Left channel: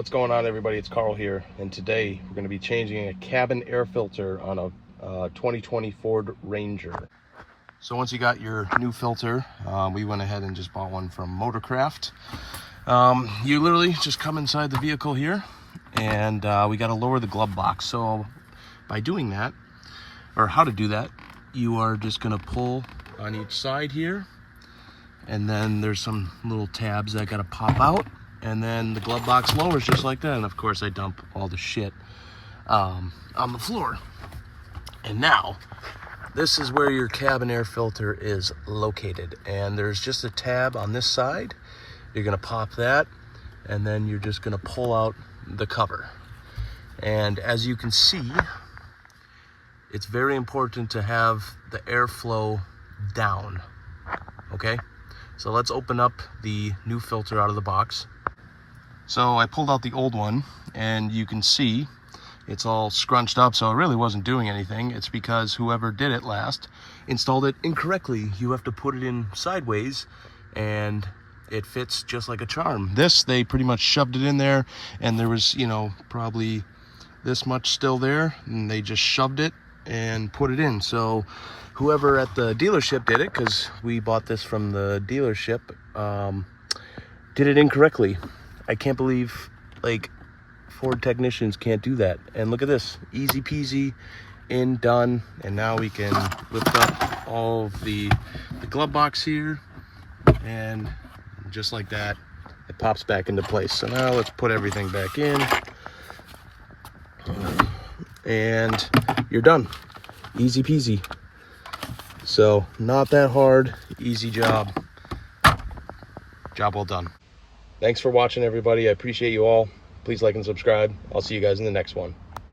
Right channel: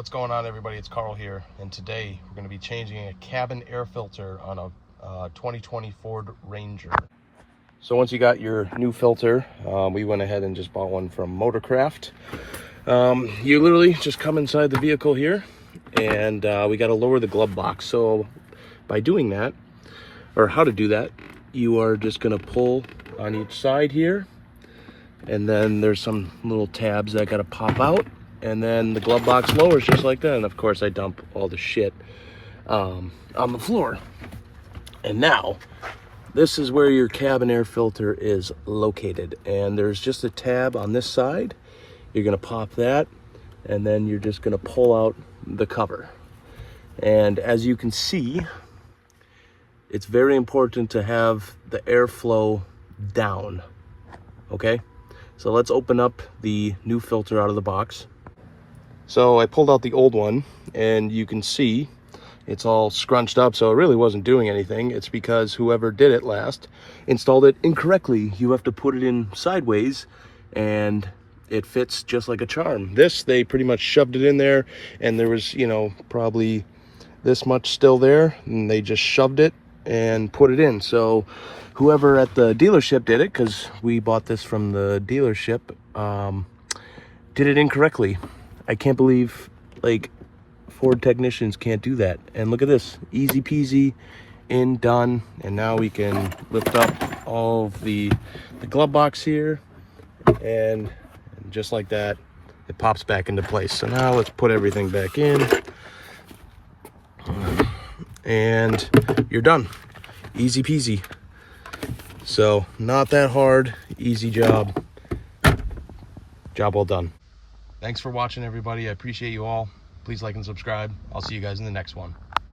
What's going on, everybody? It's Carl here, and today we're going to be changing a cabin air filter on a 2020 Ford Ranger. So once you got your new filter, we went ahead and just bought one from Motorcraft. You literally just come inside the vehicle here, and we got to lower the glove box. So by doing that, or how to do that, you are just going to pull on each side here, and then there's some little tabs that got to pop out. And then the glove box lowers just like that. And of course I dump all the shit on the floor. And now this is where your cabin air filter is located. And there's just a tab on this side. You're gonna pop that, and then you're just gonna pull out the cover. And as you can see, it's very important to have the airflow down, okay? So let's open up the new filter out of the box. So I pulled out the old one, and you can see it's all scrunched up, so it really wasn't doing anything. It's because whoever did it last installed it incorrectly. You have to put it in sideways, and it fits just like a charm. This, they pretty much shoved it in there, and there was, you know, probably this much still there, and they just shoved it and put it in. So whoever at the dealership did it, because we bought this from the dealership, did it incorrectly. I can't believe, like, Ford technicians can't do that. And look at this, easy peasy, in, done. And now we can lift up all of the glove box here, and just like that, it pops back into place. So now let's put everything back in, and you're done. Easy peasy. So not that hard, easy job. Job well done. Thanks for watching, everybody. I appreciate you all. Please like and subscribe. I'll see you guys in the next one.